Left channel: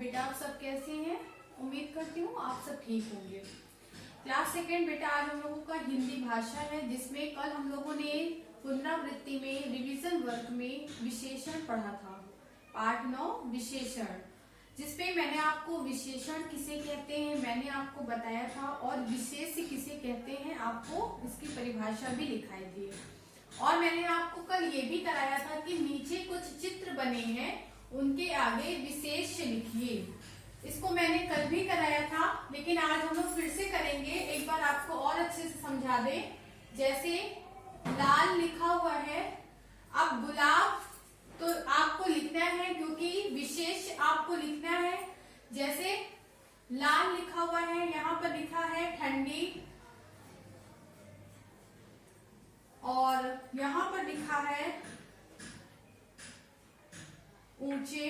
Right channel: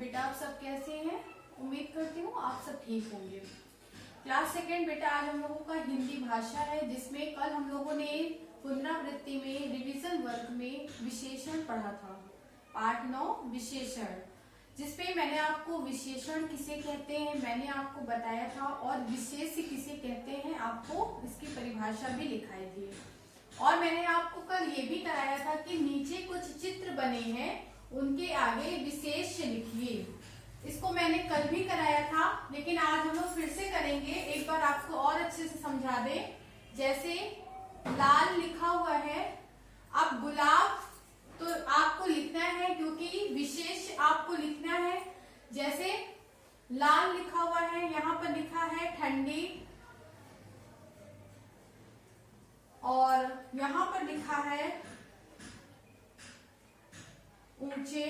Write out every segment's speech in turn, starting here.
बेटा आप सब कैसे हैं? उम्मीद करती हूँ आप सब ठीक होंगे। क्लास सेकेंड बेटा आज हम लोगों का हिंदी भाषा है, जिसमें कल हम लोगों ने पुनरावृत्ति में रिवीजन वर्क में विशेषण पढ़ा था। पार्ट 9 विशेषण, जिसपे मैंने आपको विशेषण किसे कहते हैं मैंने आपको बताया था और विशेष किसे कहते हैं आपको इसकी परिभाषा भी लिखाई थी। और मैंने आपको कल ये भी कराया था कि नीचे कुछ चित्र बने हैं, उनके आगे विशेष लिखिए। इसको मैंने कल भी कराया था, लेकिन आज हम लोग फिर से करेंगे। एक बार आपको और अच्छे से समझा दें। जैसे लाल लिखा हुआ है, अब गुलाब तो आपको लिखना है क्योंकि विशेष आपको लिखना है। जैसे लाल लिखा हुआ है, यहाँ पर लिखा है ठंडी, और यहाँ पर लिखा है ऊंचे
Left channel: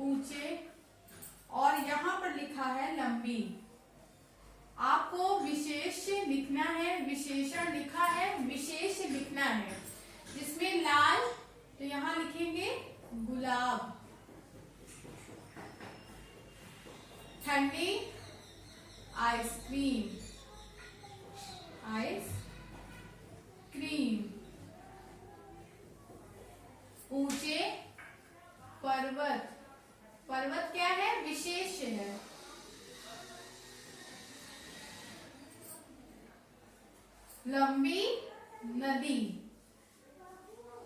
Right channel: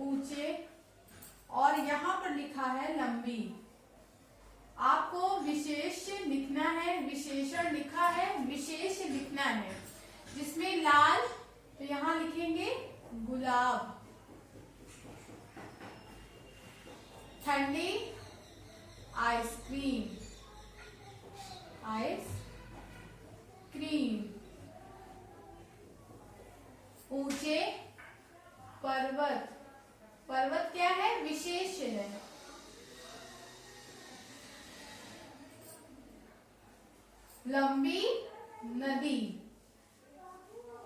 ऊंचे, और यहाँ पर लिखा है लंबी। आपको विशेष लिखना है, विशेषण लिखा है, विशेष लिखना है। जिसमें लाल तो यहाँ लिखेंगे गुलाब, ठंडी आइसक्रीम, आइसक्रीम, ऊंचे पर्वत, पर्वत क्या है? विशेष है। लंबी नदी,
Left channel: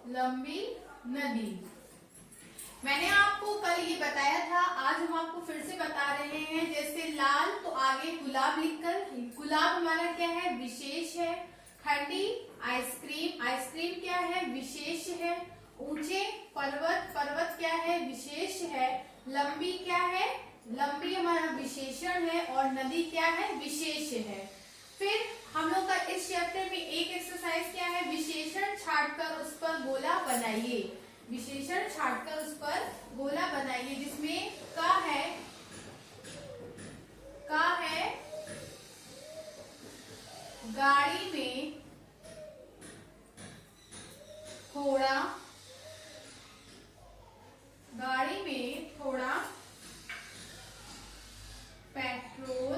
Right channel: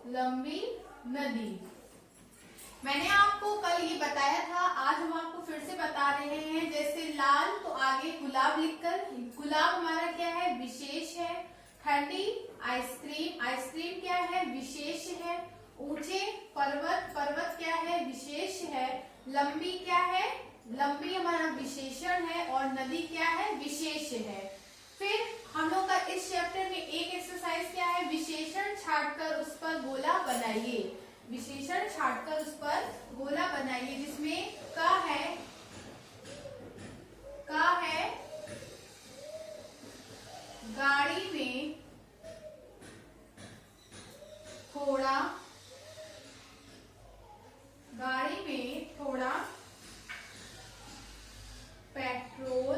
लंबी नदी। मैंने आपको कल ये बताया था, आज हम आपको फिर से बता रहे हैं। जैसे लाल तो आगे गुलाब लिखकर, गुलाब हमारा क्या है? विशेष है। ठंडी आइसक्रीम, आइसक्रीम क्या है? विशेष है। ऊंचे पर्वत, पर्वत क्या है? विशेष है। लंबी क्या है? लंबी हमारा विशेषण है। और नदी क्या है? विशेष है। फिर हम लोग का इस चैप्टर में एक एक्सरसाइज क्या है? विशेषण छांटकर उस पर गोला बनाइए। विशेषण छांटकर उस पर गोला बनाइए। जिसमें का है गाड़ी में थोड़ा, गाड़ी में थोड़ा पेट्रोल,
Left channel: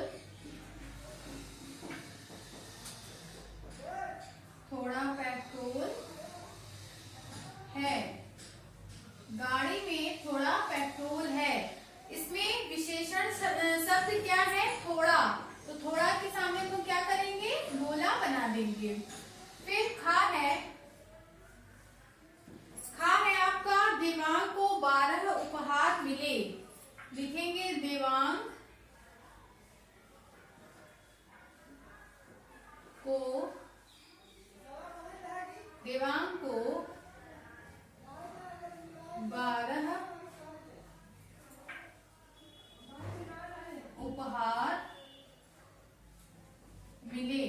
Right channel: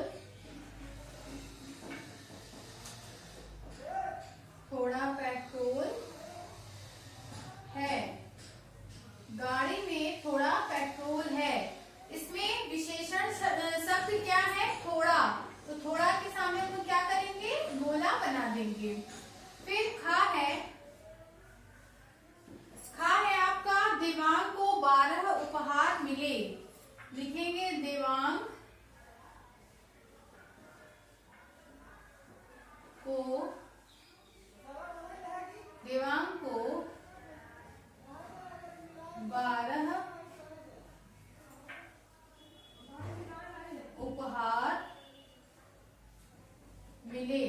थोड़ा पेट्रोल है। गाड़ी में थोड़ा पेट्रोल है। इसमें विशेषण शब्द क्या है? थोड़ा। तो थोड़ा के सामने हम लोग क्या करेंगे? गोला बना देंगे। फिर खा है आपका देवांग को 12 उपहार मिले। लिखेंगे देवांग को 12 उपहार मिले।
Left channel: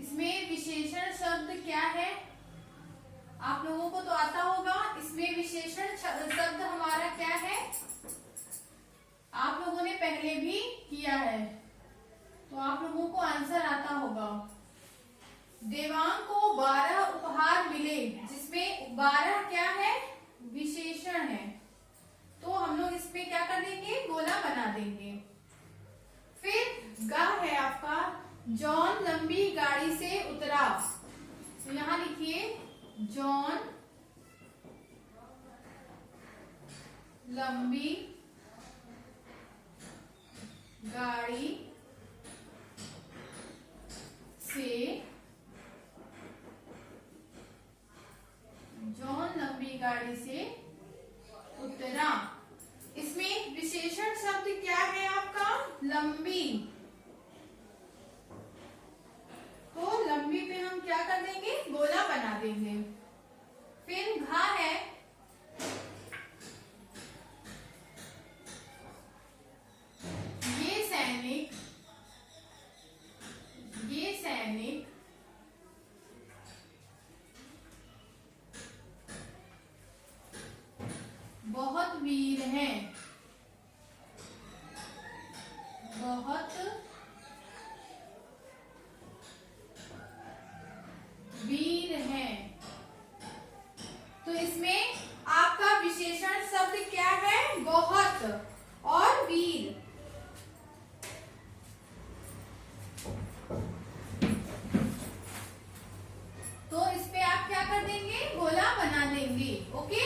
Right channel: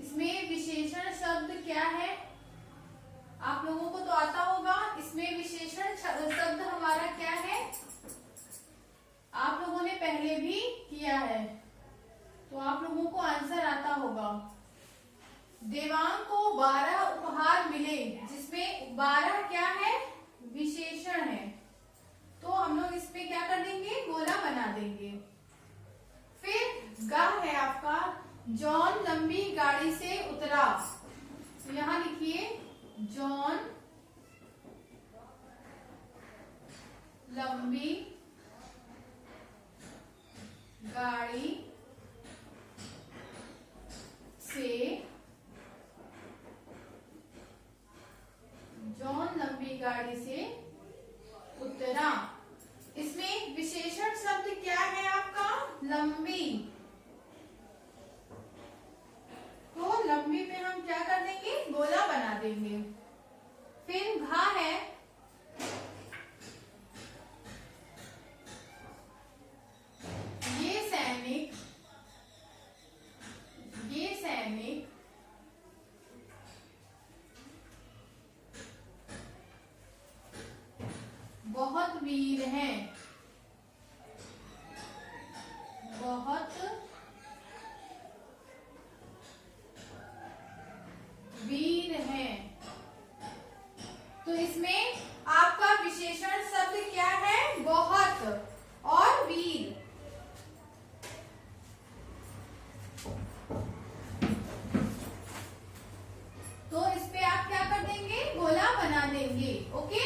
इसमें विशेषण शब्द क्या है? आप लोगों को तो आता होगा। इसमें विशेषण शब्द हमारा क्या है? आप लोगों ने पहले भी किया है, तो आप लोगों को आंसर आता होगा। देवांग को 12 उपहार मिले, जिसमें 12 क्या है? विशेषण है। तो हम लोग इस पे क्या कर देंगे? गोला बना देंगे। फिर गा है आपका, जॉन लंबी गाड़ी से उतरा। तो यहाँ लिखिए जॉन लंबी गाड़ी से, जॉन लंबी गाड़ी से उतरा। इसमें विशेषण शब्द क्या है आपका? लंबी। तो लंबी पे हम क्या कर देंगे? गोला बना देंगे। फिर घा है, ये सैनिक बहुत वीर हैं, बहुत वीर हैं। तो इसमें आप विशेषण शब्द क्या है? बहुत और वीर। तो इस पे आप क्या कर देंगे? गोला बना देंगे। ओके,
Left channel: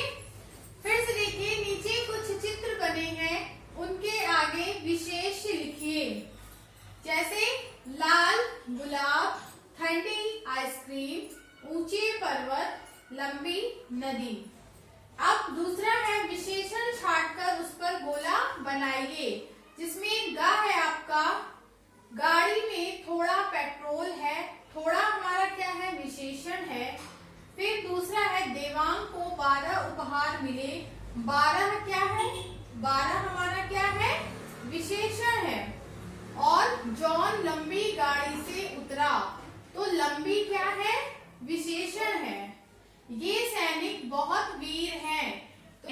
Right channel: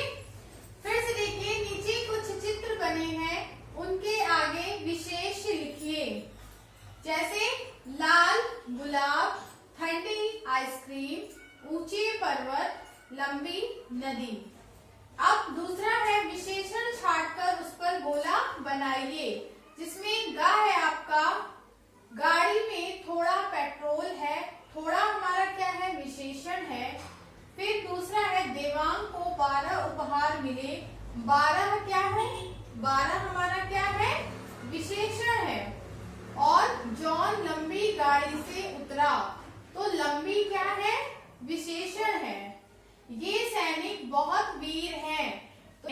फिर से देखिए नीचे कुछ चित्र बने हैं, उनके आगे विशेष लिखिए। जैसे लाल गुलाब, ठंडी आइसक्रीम, ऊंचे पर्वत, लंबी नदी। अब दूसरा है विशेषण छांटकर उस पर गोला बनाइए, जिसमें गा है आपका गाड़ी में थोड़ा पेट्रोल है। थोड़ा हमारा क्या है? विशेषण है। फिर दूसरा है देवांग को 12 उपहार मिले। 12 क्या है? 12 हमारा क्या है? विशेषण है। और जॉन लंबी गाड़ी से उतरा, तो लंबी क्या है? विशेषण है। ये सैनिक बहुत वीर हैं, तो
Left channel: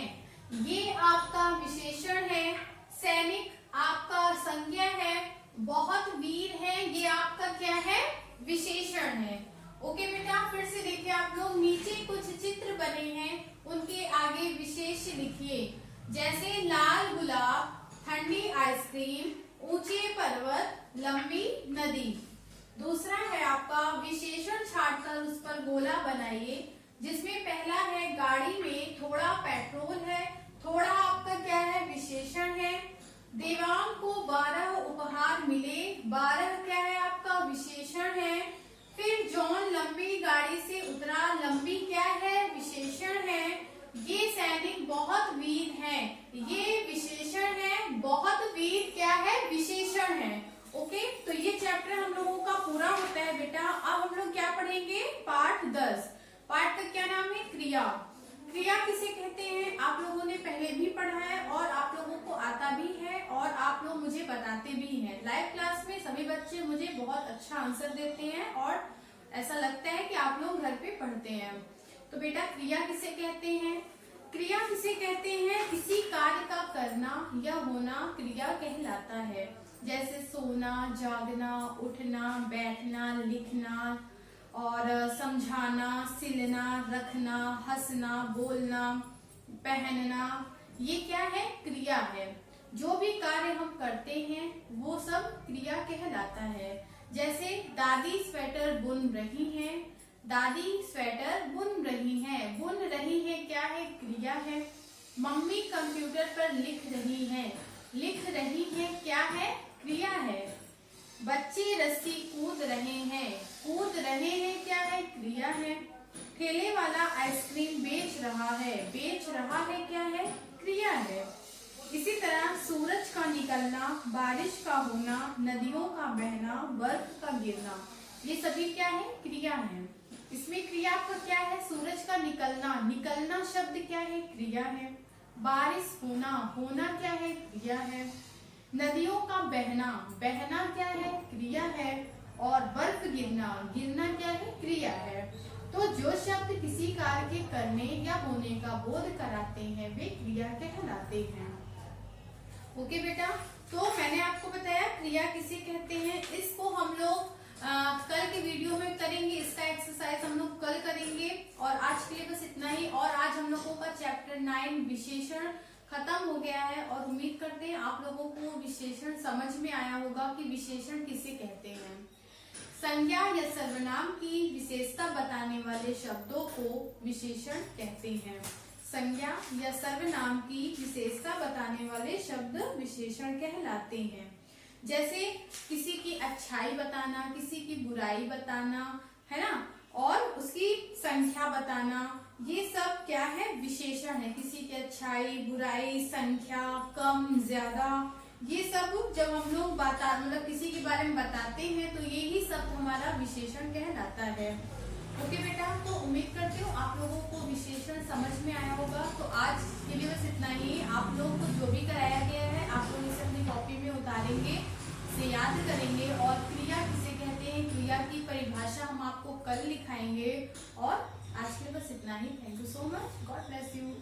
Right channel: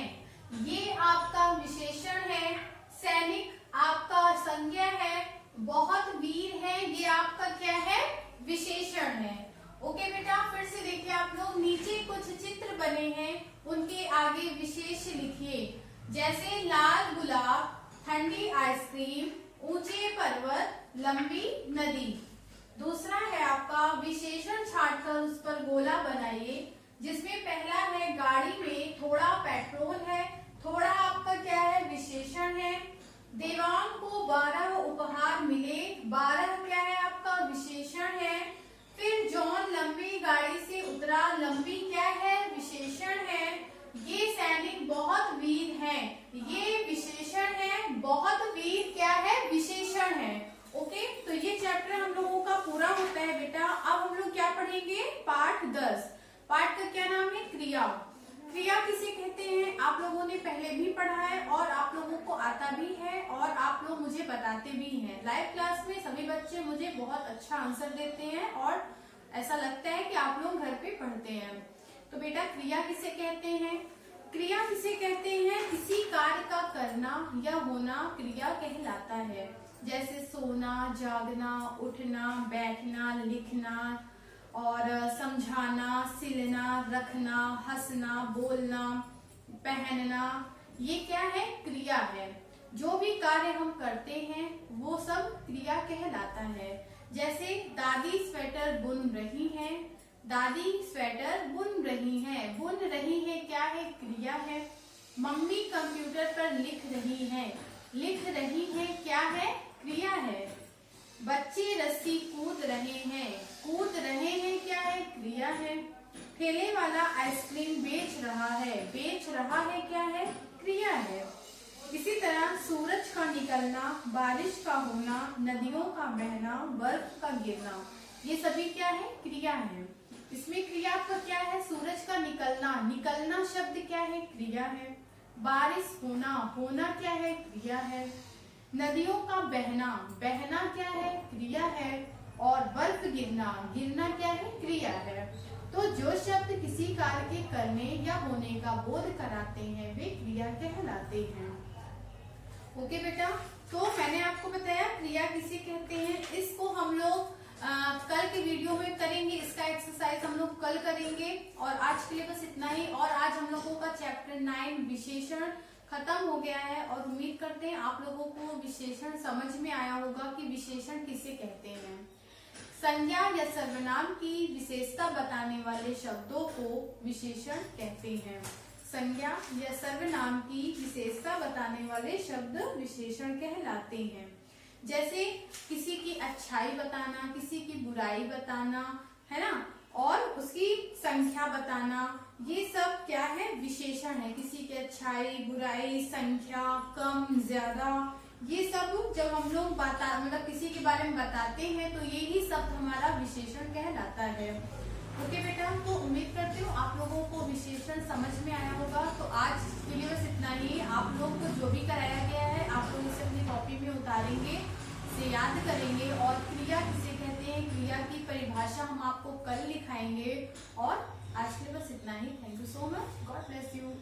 ये आपका विशेषण है। सैनिक आपका संज्ञा है, बहुत वीर है ये आपका क्या है? विशेषण है। ओके बेटा, फिर से देखिए आप लोग नीचे कुछ चित्र बने हैं, उनके आगे विशेष लिखिए। जैसे लाल गुलाब, ठंडी आइसक्रीम, ऊंचे पर्वत, लंबी नदी। दूसरा है आपका विशेषण छांटकर उस पर गोला बनाइए, जिसमें पहला है गाड़ी में थोड़ा पेट्रोल है। थोड़ा आपका क्या है? विशेषण है। देवांग को 12 उपहार मिले। 12 क्या है? आपका विशेषण है। फिर जॉन लंबी गाड़ी से उतरा, लंबी क्या है? विशेषण है। ये सैनिक बहुत वीर हैं, ये विशेषण है। बहुत वीर क्या है? विशेषण है। ओके, तो ये चैप्टर हम लोगों का पूरा होता है बेटा। अब हम लोग क्या पढ़ेंगे? पाठ 10। पाठ का क्या नाम है? क्रिया। क्रिया किसे कहते हैं? आप लोगों ने पहले भी पढ़ा है और आप लोगों को आता भी है और आप लोग मुझे बताते भी हैं। लाइव क्लास में सभी बच्चे मुझे बहुत अच्छा आंसर देते हैं और ऐसा लगता है कि आप लोग घर पे पढ़ते हैं। तो बेटा क्रिया किसे कहते हैं? क्रिया किसे कहते हैं? किसी कार्य का करना या होना क्रिया कहलाता है। जैसे सोना, जागना, उठना, बैठना, लिखना और समझाना, सिलना, रखना, हंसना, बोलना, पहनना, ये क्या है? क्रिया है। जो भी कार्य हम करते हैं वो सब क्रिया कहलाता है। जैसे दादी स्वेटर बुन रही हैं, दादी स्वेटर बुन रही हैं। बुन रही है क्या है? क्रिया है। मम्मी कंप्यूटर पर लिख रही हैं, लिख रही है क्या है? क्रिया है। बच्चे रस्सी कूद रहे हैं, कूद रहे हैं क्या है? क्रिया है। ठेले वाला आइसक्रीम बेच रहा है, बेच रहा है क्या है? क्रिया है। इसी तरह सूरज का निकलना, बारिश का होना, नदियों का बहना, बर्फ का गिरना, ये सभी क्या है? क्रिया है। इसमें क्रिया का क्या है? सूरज का निकलना, निकलना शब्द क्या है? क्रिया है। बारिश होना, होना क्या है? क्रिया है। नदियों का बहना, बहना क्या है? क्रिया है। और बर्फ गिरना, गिरना क्या है? क्रिया है। तो जो शब्द किसी कार्य के करने या होने का बोध कराते हैं वे क्रिया कहलाते हैं। ओके बेटा, तो मैंने आपको बताया क्रिया किसे कहते हैं। इसको हम लोग कल के वीडियो में करेंगे। इसका एक्सरसाइज हम लोग कल करेंगे। और आज के लिए बस इतना ही। और आज हम लोगों का चैप्टर 9 विशेषण खत्म हो गया है और उम्मीद करते हैं आप लोगों को विशेषण समझ में आया होगा कि विशेषण किसे कहते हैं। संज्ञा या सर्वनाम की विशेषता बताने वाले शब्दों को विशेषण कहते हैं। संज्ञा या सर्वनाम की विशेषता बताने वाले शब्द विशेषण कहलाते हैं। जैसे किसी की अच्छाई बताना, किसी की बुराई बताना, है ना, और उसकी संख्या बताना, ये सब क्या है? विशेषण है। किसी की अच्छाई, बुराई, संख्या, कम, ज्यादा, ये सब जब हम लोग मतलब किसी के बारे में बताते हैं तो यही शब्द हमारा विशेषण कहलाता है। ओके बेटा, तो उम्मीद करती हूँ आप लोगों को विशेषण समझ में आया होगा। तो आज के लिए बस इतना ही। आप लोग को जो भी कराया गया है आप लोग इसे अपनी कॉपी में उतारेंगे, से याद करेंगे। और क्रिया किसे कहते हैं, क्रिया की परिभाषा हम आपको कल लिखाएंगे। और आज के लिए बस इतना ही। Thank you so much. God bless you.